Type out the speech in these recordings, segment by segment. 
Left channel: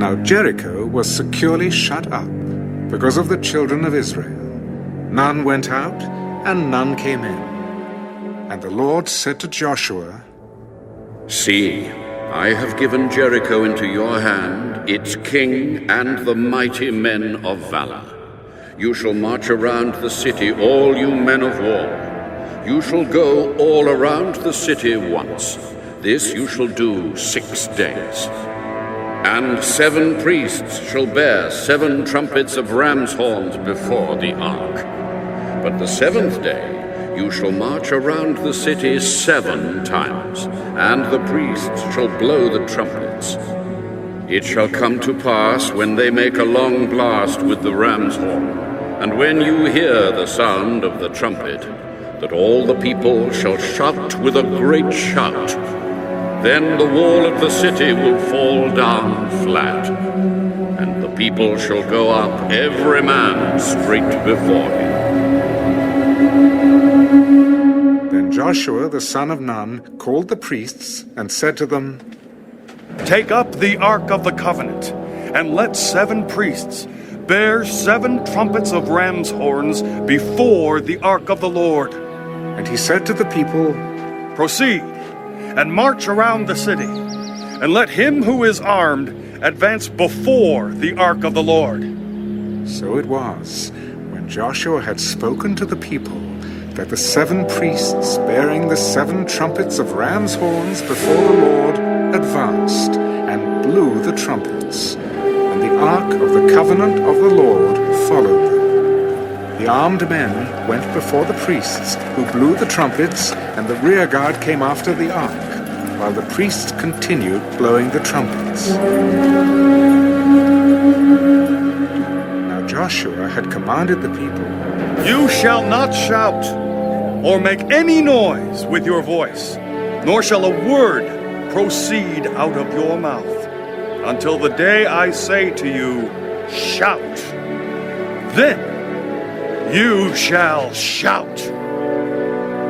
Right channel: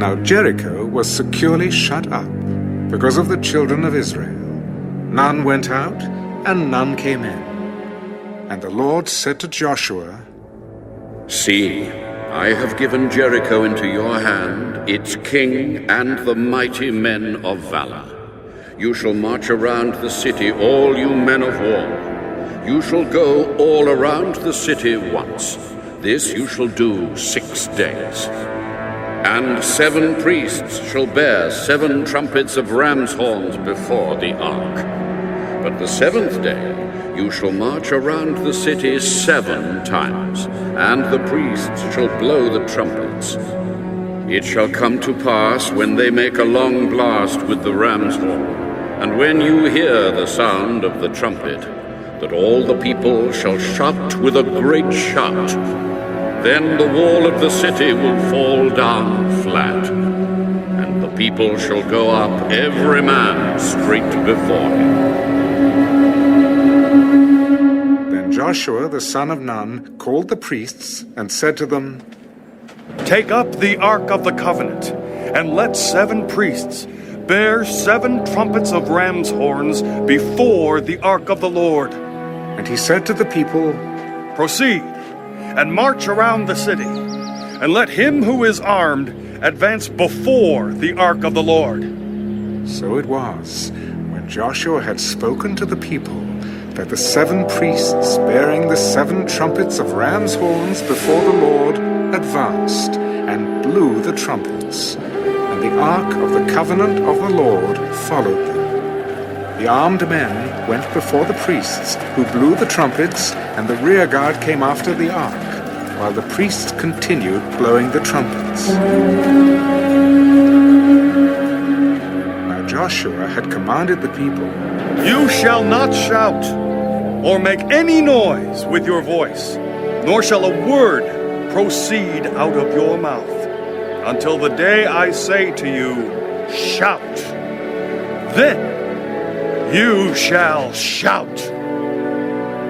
Now Jericho was securely shut up because of the children of Israel. None went out, and none came in. And the Lord said to Joshua, See, I have given Jericho into your hand, its king and the mighty men of valor. You shall march around the city, all you men of war. You shall go all around the city once. This you shall do 6 days. And 7 priests shall bear 7 trumpets of ram's horns before the ark. But the 7th day you shall march around the city 7 times, and the priests shall blow the trumpets. It shall come to pass, when they make a long blast with the ram's horn, and when you hear the sound of the trumpet, that all the people shall shout with a great shout. Then the wall of the city will fall down flat, and the people shall go up, every man straight before him. Then Joshua the son of Nun called the priests and said to them, Take up the Ark of the Covenant, and let 7 priests bear 7 trumpets of ram's horns before the Ark of the Lord. And he said to the people, Proceed, and march around the city, and let him who is armed advance before the Ark of the Lord. So it was, when Joshua had spoken to the people, that the 7 priests bearing the 7 trumpets of ram's horns before the Lord advanced and blew the trumpets, and the ark of the covenant of the Lord followed them. The armed men went before the priests, who blew the trumpets, and the rear guard came after the ark, while the priests continued blowing the trumpets. Now Joshua had commanded the people, You shall not shout, or make any noise with your voice, nor shall a word proceed out of your mouth, until the day I say to you, Shout. Then you shall shout.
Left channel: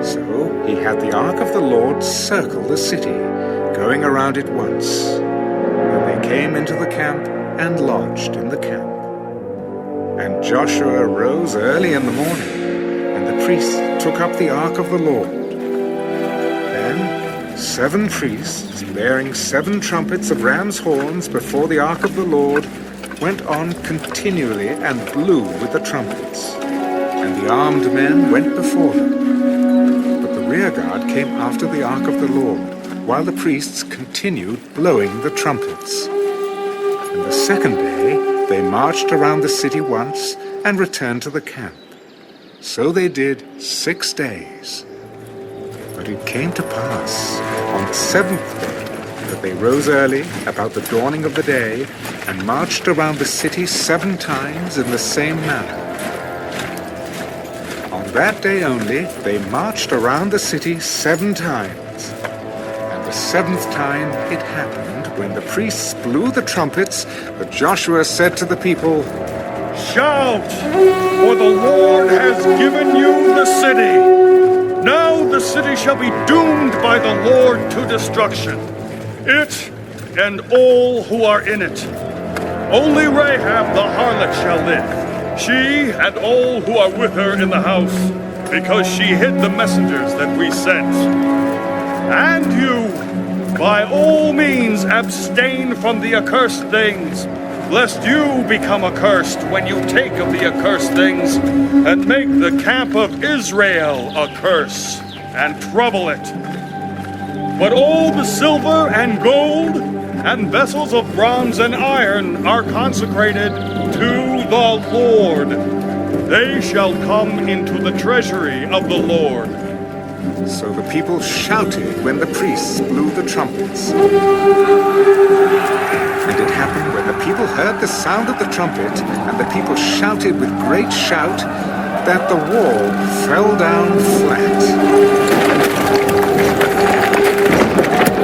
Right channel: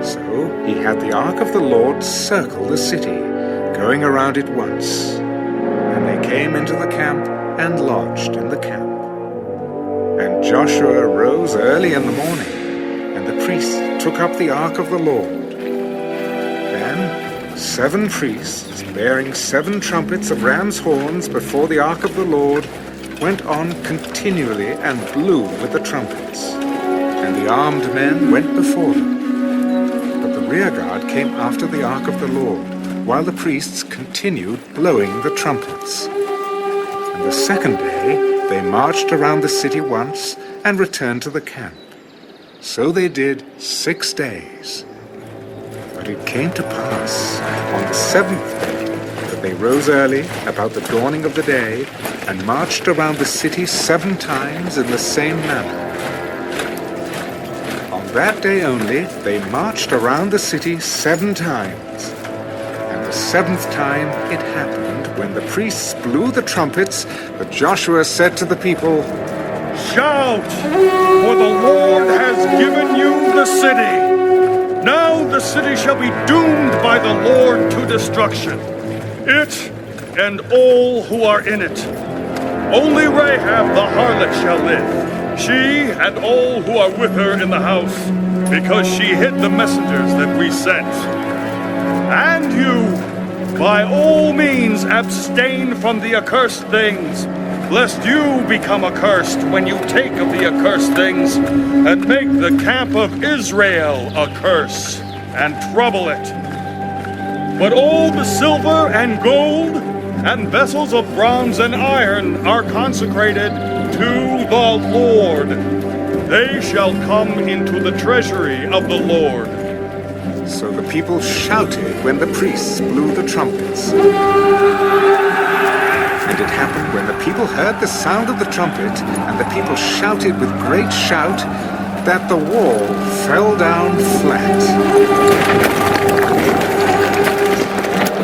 So he had the ark of the Lord circle the city, going around it once. Then they came into the camp and lodged in the camp. And Joshua rose early in the morning, and the priests took up the ark of the Lord. Then 7 priests, bearing 7 trumpets of ram's horns before the ark of the Lord, went on continually and blew with the trumpets. And the armed men went before them. But the rear guard came after the ark of the Lord, while the priests continued blowing the trumpets. And the 2nd day they marched around the city once and returned to the camp. So they did 6 days. But it came to pass on the 7th day that they rose early about the dawning of the day and marched around the city 7 times in the same manner. On that day only they marched around the city 7 times. And the 7th time it happened, when the priests blew the trumpets, that Joshua said to the people, Shout, for the Lord has given you the city. Now the city shall be doomed by the Lord to destruction, it and all who are in it. Only Rahab the harlot shall live, she and all who are with her in the house, because she hid the messengers that we sent. And you, by all means, abstain from the accursed things, lest you become accursed when you take of the accursed things, and make the camp of Israel a curse, and trouble it. But all the silver and gold, and vessels of bronze and iron are consecrated to the Lord. They shall come into the treasury of the Lord. So the people shouted when the priests blew the trumpets. And it happened, when the people heard the sound of the trumpet, and the people shouted with great shout, that the wall fell down flat.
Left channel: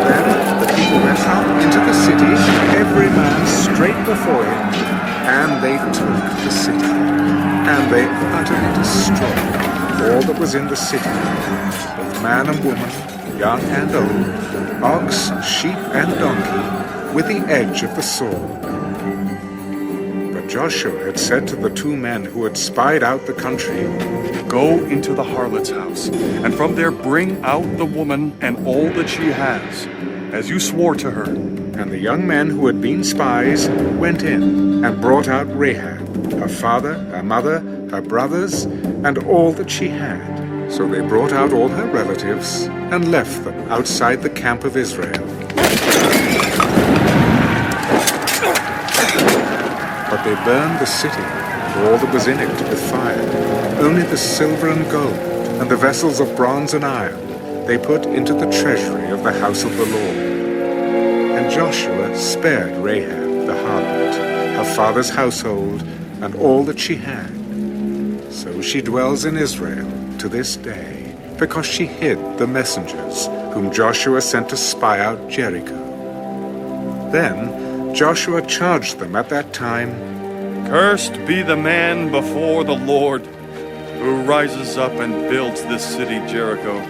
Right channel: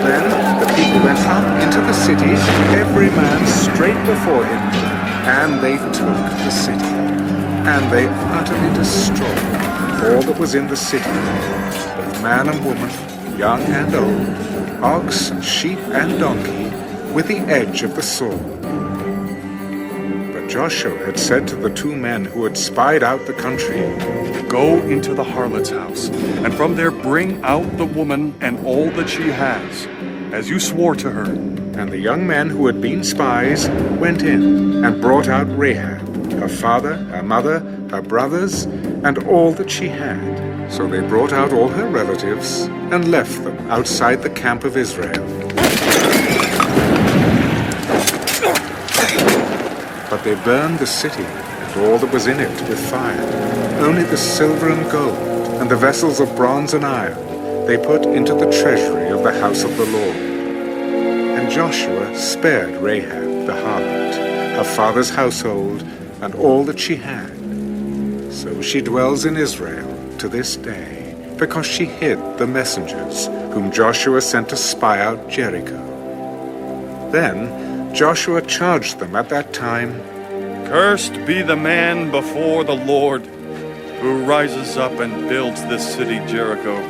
Then the people went up into the city, every man straight before him, and they took the city. And they utterly destroyed all that was in the city, both man and woman, young and old, ox and sheep and donkey, with the edge of the sword. Joshua had said to the two men who had spied out the country, "Go into the harlot's house, and from there bring out the woman and all that she has, as you swore to her." And the young men who had been spies went in and brought out Rahab, her father, her mother, her brothers, and all that she had. So they brought out all her relatives and left them outside the camp of Israel. But they burned the city and all that was in it with fire. Only the silver and gold and the vessels of bronze and iron they put into the treasury of the house of the Lord. And Joshua spared Rahab the harlot, her father's household, and all that she had. So she dwells in Israel to this day, because she hid the messengers whom Joshua sent to spy out Jericho. Then Joshua charged them at that time, "Cursed be the man before the Lord, who rises up and builds this city Jericho.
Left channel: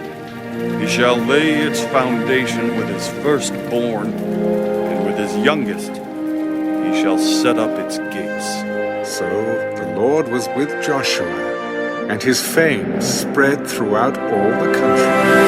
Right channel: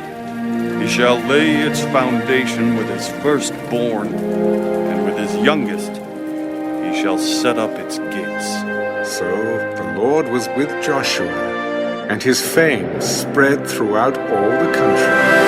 He shall lay its foundation with his firstborn, and with his youngest he shall set up its gates." So the Lord was with Joshua, and his fame spread throughout all the country.